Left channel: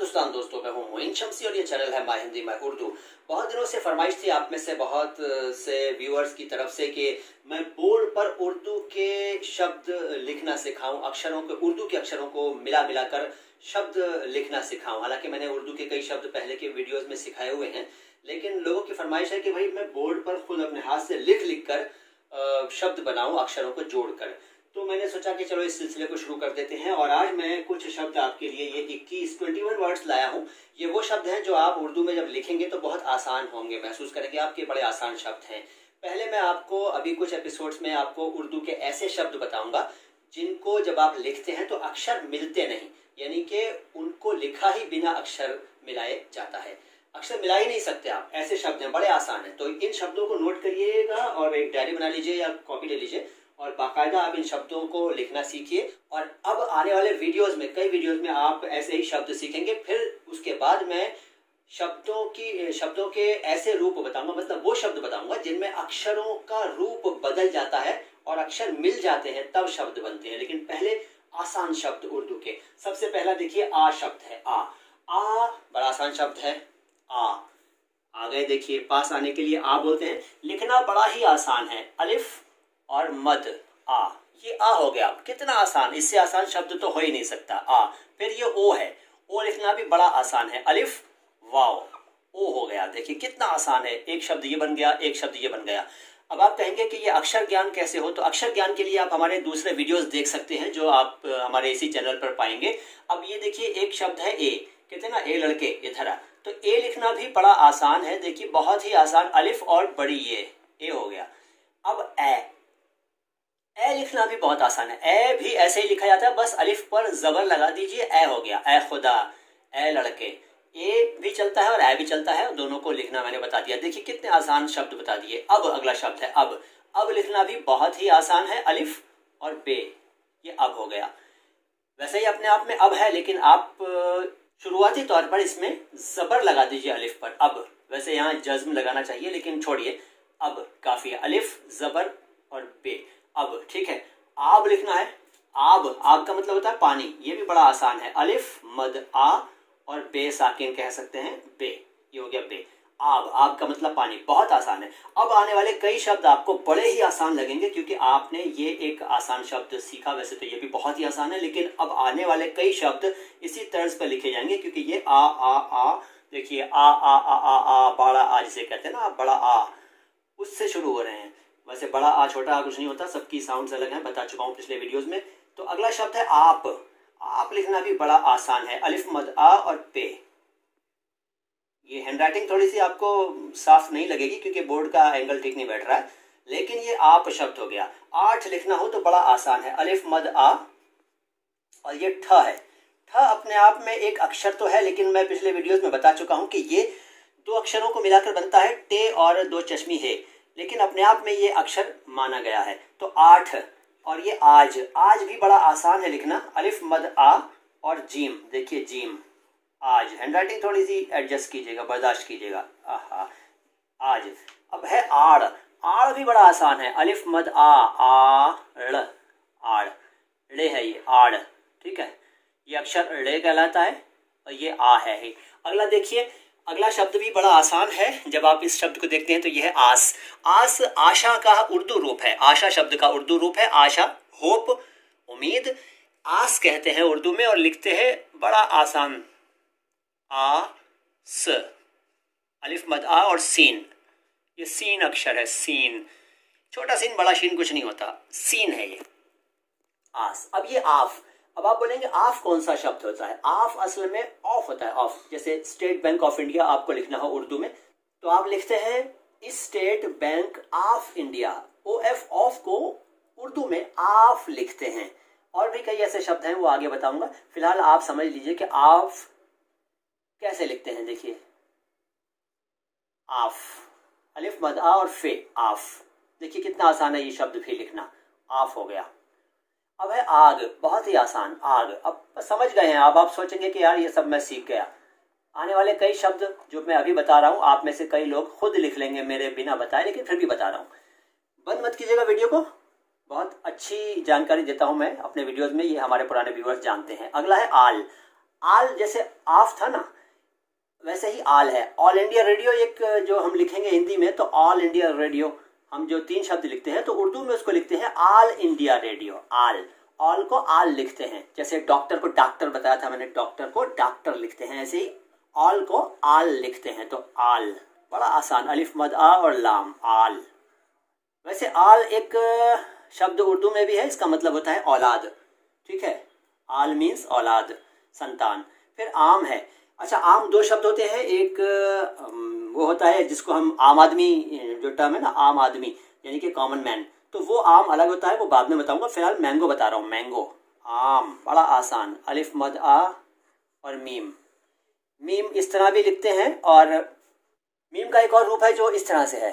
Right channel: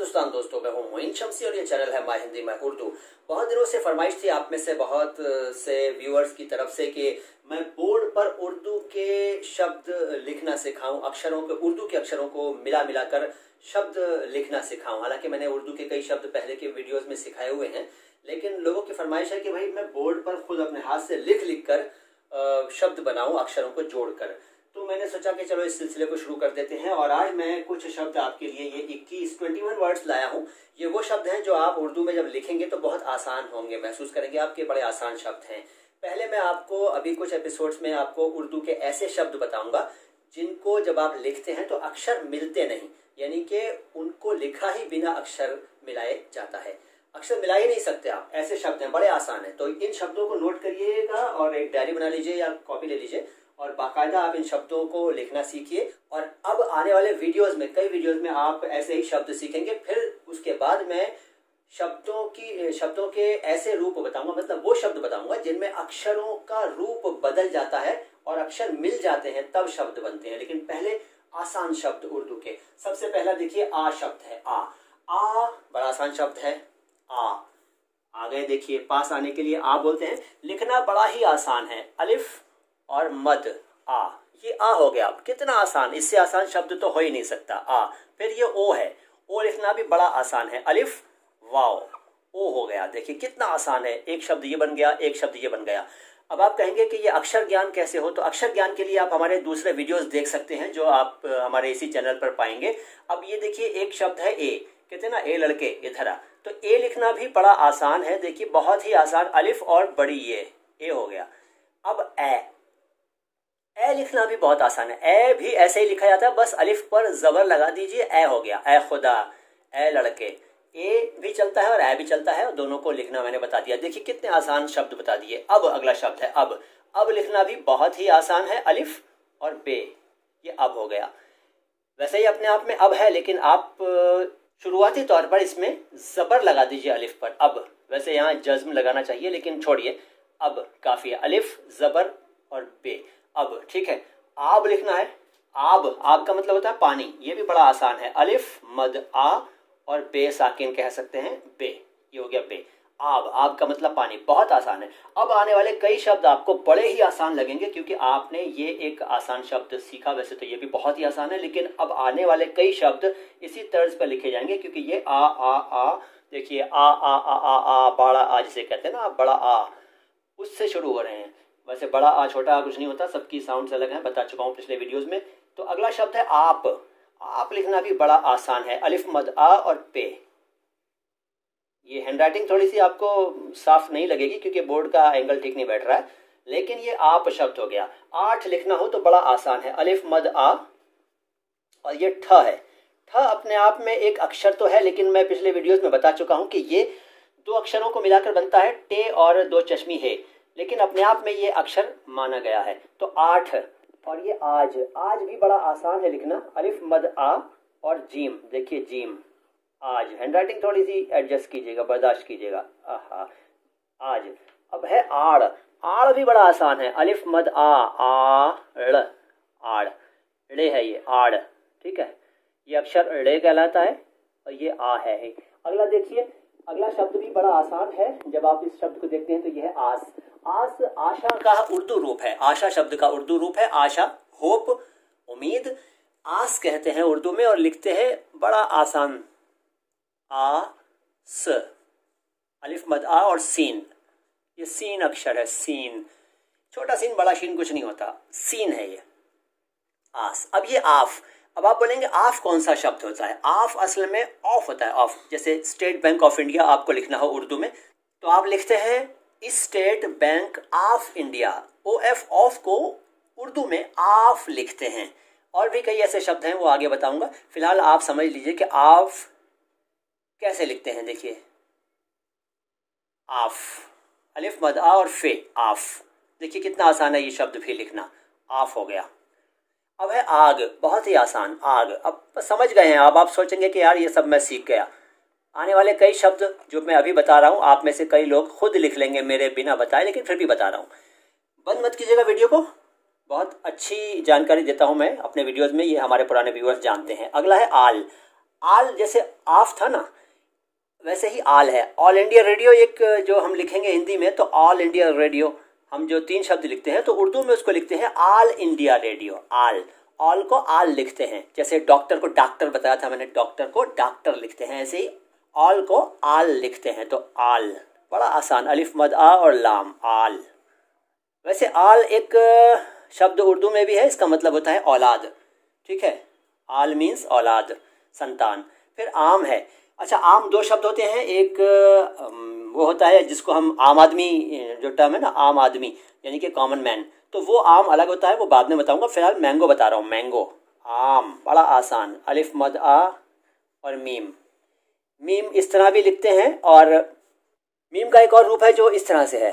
हिंदुस्तान दोस्तों, मैं हूं मोइन शमसी और ये चैनल है माय हिंदी माय उर्दू। बहुत दिनों से फरमाइश थी आप में से बहुत से व्यूअर्स की तरफ से कि मैं बोर्ड पर उर्दू के शब्द लिखना सिखाऊं, अक्षरों के उर्दू के अक्षरों को मिला मिलाकर शब्द लिखना सिखाऊं। हालांकि मैंने उर्दू के कई शब्द पहले के वीडियोस में सिखाए हुए हैं, लेकिन लोगों की फरमाइश है कि भाई मैं बोर्ड पर खुद अपने हाथ से लिख लिख कर शब्द बनाऊं, अक्षरों को जोड़कर। तो मैंने सोचा कि चलो इस सिलसिले को शुरू कर देते हैं। और आज मैं कुछ शब्द आपके लिए ये 21 वर्ड्स लाया हूँ। ये वो शब्द हैं जो आप उर्दू में जब लिखेंगे तो बहुत आसान होंगे, महसूस करेंगे आपके बड़े आसान शब्द हैं। पहले मैं आपको अभी कुछ एपिसोड्स में आपको उर्दू के ऐसे शब्द बताऊंगा जिनको जब आप लिखते हैं तो अक्षर मिलते नहीं, यानी कि उनको लिखा ही बिना अक्षर मिलाए जाता है। अक्षर मिला ही नहीं सकते आप, ऐसे शब्द हैं, बड़े आसान हैं। तो इन शब्दों को नोट करिएगा और एक डायरी बना लीजिए या कॉपी ले लीजिए और बाकायदा आप इन शब्दों को लिखना सीखिए। और अब आने वाले वीडियोस में, कई वीडियोस में आप ऐसे ही शब्द सीखेंगे। फिर उसके बाद मैं शब्दों के ऐसे रूप बताऊंगा, मतलब वो शब्द बताऊंगा जिनमें अक्षरों का रूप बदल जाता है और अक्षर मिल जाते हैं, तब शब्द बनते हैं। लेकिन पहले आसान शब्द उर्दू के। सबसे पहला देखिए आ शब्द है। आ बड़ा आसान शब्द है। आ गए, देखिए पास आने के लिए आ बोलते हैं। लिखना बड़ा ही आसान है, अलिफ और मद आ, ये आ हो गया। कितना आसान, इससे आसान शब्द तो हो ही नहीं सकता। आ, फिर ये ओ है, ओ लिखना भी बड़ा आसान है, अलिफ वाओ, ओ हो गया। देखिए कितना आसान है, एक शब्द ये बन गया, एक शब्द ये बन गया। अब आप कहेंगे कि ये अक्षर ज्ञान कैसे हो, तो अक्षर ज्ञान के लिए आप हमारे दूसरे वीडियोस देख सकते हैं जो आप हमारे इसी चैनल पर पाएंगे। अब ये देखिए एक शब्द है ए, कहते हैं ना ए लड़के, ये धरा, तो ए लिखना भी बड़ा आसान है। देखिए बहुत ही आसान, अलिफ और बड़ी ये, ए हो गया। अब ए लिखना भी बहुत आसान है। ए भी ऐसे ही लिखा जाता है, बस अलिफ पर जबर लगा दीजिए, ए हो गया। ए खुदा, ए लड़के, ए भी चलता है और ए भी चलता है, दोनों को लिखना मैंने बता दिया। देखिए कितने आसान शब्द बता दिए। अब अगला शब्द है अब लिखना भी बहुत ही आसान है, अलिफ और बे, ये अब हो गया। वैसे ही अपने आप में अब है, लेकिन आप शुरुआती तौर पर इसमें जबर लगा दीजिए अलिफ पर। अब वैसे यहाँ जज्म लगाना चाहिए, लेकिन छोड़िए, अब काफी है। अलिफ जबर और बे, अब ठीक है। आब लिखना है, आब का मतलब होता है पानी, ये भी बड़ा आसान है। अलिफ मद आ और बे साकिन कह सकते हैं, बे, ये हो गया बे। आब का मतलब पानी, बहुत आसान है। अब आने वाले कई शब्द आपको बड़े ही आसान लगेंगे क्योंकि आपने ये एक आसान शब्द सीखा। वैसे तो ये भी बहुत ही आसान है, लेकिन अब आने वाले कई शब्द इसी तर्ज पर लिखे जाएंगे क्योंकि ये आ देखिए आ बड़ा आ जिसे कहते हैं ना, बड़ा आ, उससे शुरू हो रहे हैं। वैसे बड़ा आ छोटा आ कुछ नहीं होता, सबकी साउंड्स अलग हैं, बता चुका हूं पिछले वीडियोस में। तो अगला शब्द है आप लिखना भी बड़ा आसान है, अलिफ मद आ और पे। ये हैंडराइटिंग थोड़ी सी आपको साफ नहीं लगेगी क्योंकि बोर्ड का एंगल ठीक नहीं बैठ रहा है, लेकिन ये आप शब्द हो गया। 8 लिखना हो तो बड़ा आसान है, अलिफ मद आ और ये ठ है। ठ अपने आप में एक अक्षर तो है, लेकिन मैं पिछले वीडियोस में बता चुका हूं कि ये दो अक्षरों को मिलाकर बनता है, टे और दो चश्मी है, लेकिन अपने आप में ये अक्षर माना गया है। तो 8 और ये आज भी बड़ा आसान है लिखना, अलिफ मद आ और जीम, देखिए जीम, आज। हैंडराइटिंग थोड़ी सी एडजस्ट कीजिएगा, बर्दाश्त कीजिएगा। आज। अब है आड़ भी बड़ा आसान है, अलिफ मद आड़, ड़े है ये, आड़, ठीक है। ये अक्षर ड़े कहलाता है और ये आ है। अगला देखिए, अगला शब्द भी बड़ा आसान है। जब आप इस शब्द को देखते हैं तो यह है आस। आशा का उर्दू रूप है, आशा शब्द का उर्दू रूप है आशा, होप, उम्मीद। आस कहते हैं उर्दू में और लिखते हैं बड़ा आसान, स, अलिफ मद आ और सीन, ये सीन अक्षर है, सीन, छोटा सीन बड़ा सीन कुछ नहीं होता, सीन है ये, आस। अब ये आफ। अब आप बोलेंगे आफ कौन सा शब्द होता है? आफ असल में ऑफ होता है, ऑफ। जैसे स्टेट बैंक ऑफ इंडिया आपको लिखना हो उर्दू में तो आप लिखते हैं state bank of India, OF, of को उर्दू में आफ लिखते हैं। और भी कई ऐसे शब्द हैं, वो आगे बताऊंगा। फिलहाल आप समझ लीजिए कि आफ कैसे लिखते हैं। देखिए आफ, अलिफ मद आ और फे, आफ। देखिए कितना आसान है ये शब्द भी लिखना, आफ हो गया। अब है आग, बहुत ही आसान, आग। अब समझ गए हैं आप सोचेंगे कि यार ये सब मैं सीख गया। आने वाले कई शब्द जो मैं अभी बता रहा हूँ, आप में से कई लोग खुद लिख लेंगे मेरे बिना बताए, लेकिन फिर भी बता रहा हूँ। बंद मत कीजिएगा वीडियो को, बहुत अच्छी जानकारी देता हूँ मैं अपने वीडियोस में, ये हमारे पुराने व्यूअर्स जानते हैं। अगला है आल। आल जैसे आफ था ना, वैसे ही आल है। ऑल इंडिया रेडियो एक जो हम लिखेंगे हिंदी में तो ऑल इंडिया रेडियो, हम जो 3 शब्द लिखते हैं तो उर्दू में उसको लिखते हैं ऑल इंडिया रेडियो। आल, ऑल को आल लिखते हैं। जैसे डॉक्टर को डॉक्टर बताया था मैंने, डॉक्टर को डॉक्टर लिखते हैं, ऐसे ही ऑल को आल लिखते हैं। तो आल बड़ा आसान, अलिफ मद आ और लाम, आल। वैसे आल एक शब्द उर्दू में भी है, इसका मतलब होता है औलाद, ठीक है। आल मीन्स औलाद, संतान। फिर आम है। अच्छा, आम 2 शब्द होते हैं, एक वो होता है जिसको हम आम आदमी, जो टर्म है ना आम आदमी यानी कि कॉमन मैन, तो वो आम अलग होता है, वो बाद में बताऊंगा। फिलहाल मैंगो बता रहा हूँ, मैंगो, आम, बड़ा आसान, अलिफ मद आ और मीम। मीम इस तरह भी लिखते हैं, और मीम का एक और रूप है जो इस तरह से है,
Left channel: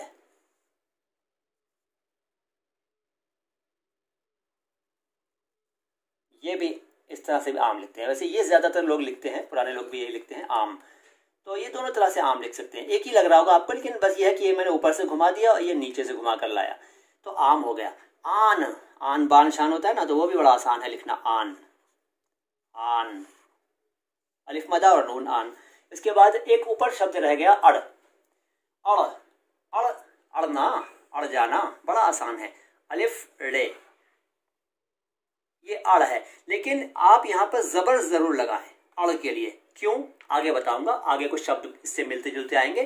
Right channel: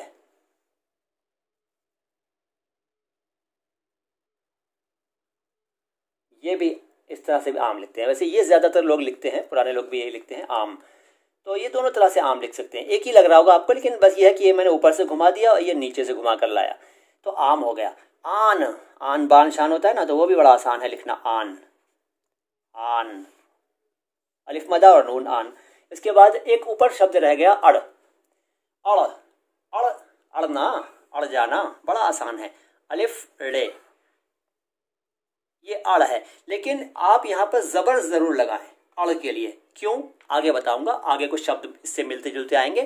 ये भी इस तरह से भी आम लिखते हैं। वैसे ये ज्यादातर लोग लिखते हैं, पुराने लोग भी यही लिखते हैं, आम। तो ये दोनों तरह से आम लिख सकते हैं, एक ही लग रहा होगा आपको, लेकिन बस ये है कि ये मैंने ऊपर से घुमा दिया और ये नीचे से घुमा कर लाया, तो आम हो गया। आन, आन बान शान होता है ना, तो वो भी बड़ा आसान है लिखना, आन, आन, अलिफ मदा और नून, आन। इसके बाद एक ऊपर शब्द रह गया अड़, अड़, अड़, अड़ना, अड़ जाना, बड़ा आसान है, अलिफ रे, ये अड़ है। लेकिन आप यहाँ पर जबर जरूर लगाएं अड़ के लिए, क्यों आगे बताऊंगा, आगे कुछ शब्द इससे मिलते जुलते आएंगे,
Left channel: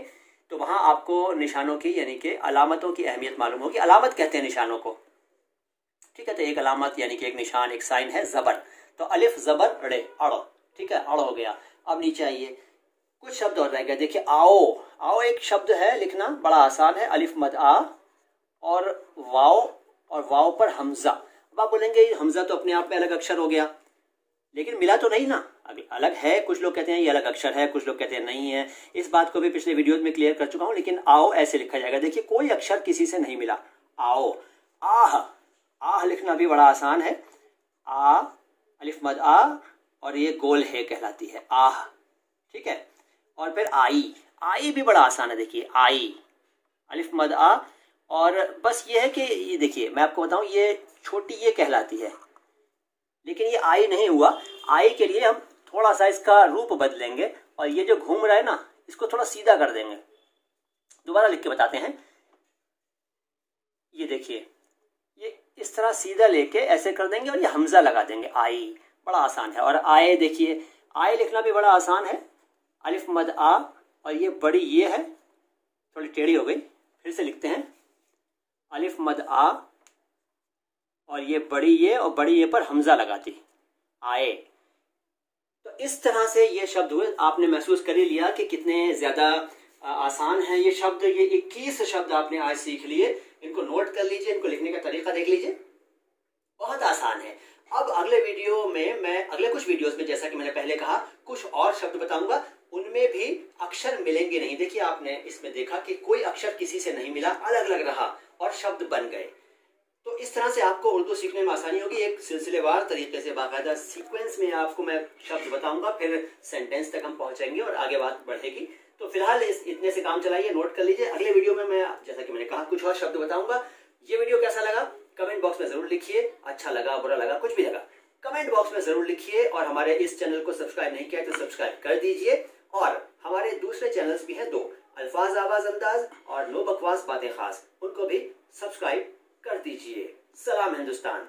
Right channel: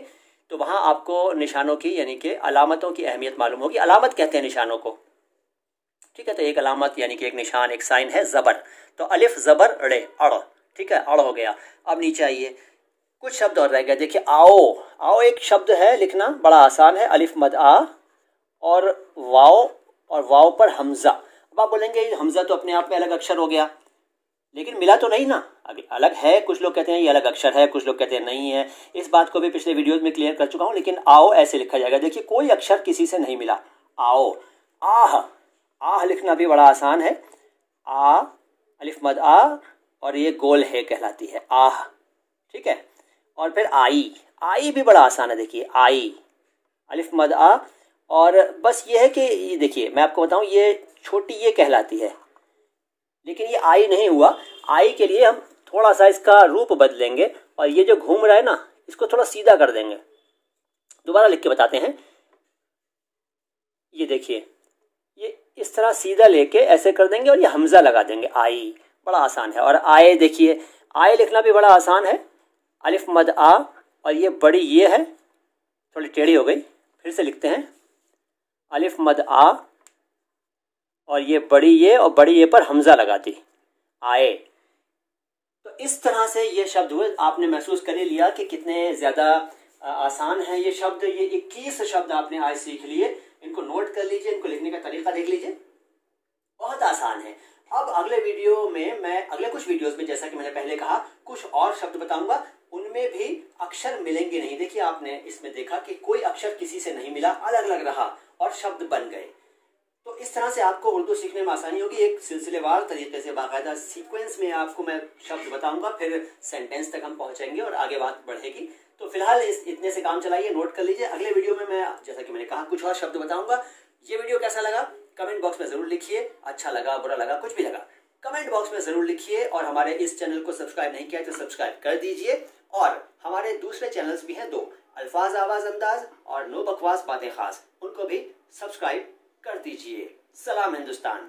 तो वहां आपको निशानों की यानी कि अलामतों की अहमियत मालूम होगी। अलामत कहते हैं निशानों को, ठीक है। तो एक अलामत यानी कि एक निशान, एक साइन है जबर, तो अलिफ जबर रे, अड़, ठीक है, अड़ हो गया। अब नीचे आइए, कुछ शब्द और रह गए। देखिए आओ, आओ एक शब्द है, लिखना बड़ा आसान है, अलिफ मद आ और वाओ, और वाओ पर हमजा। अब आप बोलेंगे हमजा तो अपने आप में अलग अक्षर हो गया, लेकिन मिला तो नहीं ना, अलग है। कुछ लोग कहते हैं ये अलग अक्षर है, कुछ लोग कहते हैं नहीं है। इस बात को भी पिछले वीडियोज में क्लियर कर चुका हूं, लेकिन आओ ऐसे लिखा जाएगा। देखिए कोई अक्षर किसी से नहीं मिला, आओ। आह, आह लिखना भी बड़ा आसान है, आ, अलिफ मद आ और ये गोल है कहलाती है, आह, ठीक है। और फिर आई, आई भी बड़ा आसान है, देखिए आई, अलिफ मद आ, और बस ये है कि ये देखिए मैं आपको बताऊं, ये छोटी ये कहलाती है, लेकिन ये आई नहीं हुआ। आई के लिए हम थोड़ा सा इसका रूप बदलेंगे, और ये जो घूम रहा है ना, इसको थोड़ा सीधा कर देंगे। दोबारा लिख के बताते हैं, ये देखिए, ये इस तरह सीधा लेके ऐसे कर देंगे और ये हमजा लगा देंगे, आई, बड़ा आसान है। और आए, देखिए आए लिखना भी बड़ा आसान है, अलिफ मद आ, और ये बड़ी ये है, थोड़ी टेढ़ी हो गई, फिर से लिखते हैं, अलिफ मद आ और ये बड़ी ये, और बड़ी ये पर हमजा लगा दी, आए। तो इस तरह से ये शब्द हुए। आपने महसूस कर ही लिया कि कितने ज्यादा आसान है ये शब्द। ये 21 शब्द आपने आज सीख लिए, इनको नोट कर लीजिए, इनको लिखने का तरीका देख लीजिए, बहुत आसान है। अब अगले वीडियो में मैं, अगले कुछ वीडियोस में, जैसा कि मैंने पहले कहा, कुछ और शब्द बताऊंगा, उनमें भी अक्षर मिलेंगे नहीं। देखिए आपने इसमें देखा कि कोई अक्षर किसी से नहीं मिला, अलग अलग रहा और शब्द बन गए। तो इस तरह से आपको उर्दू सीखने में आसानी होगी। एक सिलसिलेवार तरीके से, बाकायदा सीक्वेंस में आपको मैं शब्द बताऊंगा, फिर सेंटेंस तक हम पहुंचेंगे और आगे बात बढ़ेगी। तो फिलहाल इतने से काम चलाइए, नोट कर लीजिए। अगले वीडियो में मैं, जैसा कि मैंने कहा, कुछ और शब्द बताऊंगा। ये वीडियो कैसा लगा कमेंट बॉक्स में जरूर लिखिए, अच्छा लगा, बुरा लगा, कुछ भी लगा कमेंट बॉक्स में जरूर लिखिए। और हमारे इस चैनल को सब्सक्राइब नहीं किया तो सब्सक्राइब कर दीजिए। और हमारे दूसरे चैनल्स भी हैं 2, अल्फाज आवाज अंदाज और नो बकवास बातें खास, उनको भी सब्सक्राइब कर दीजिए। सलाम हिंदुस्तान।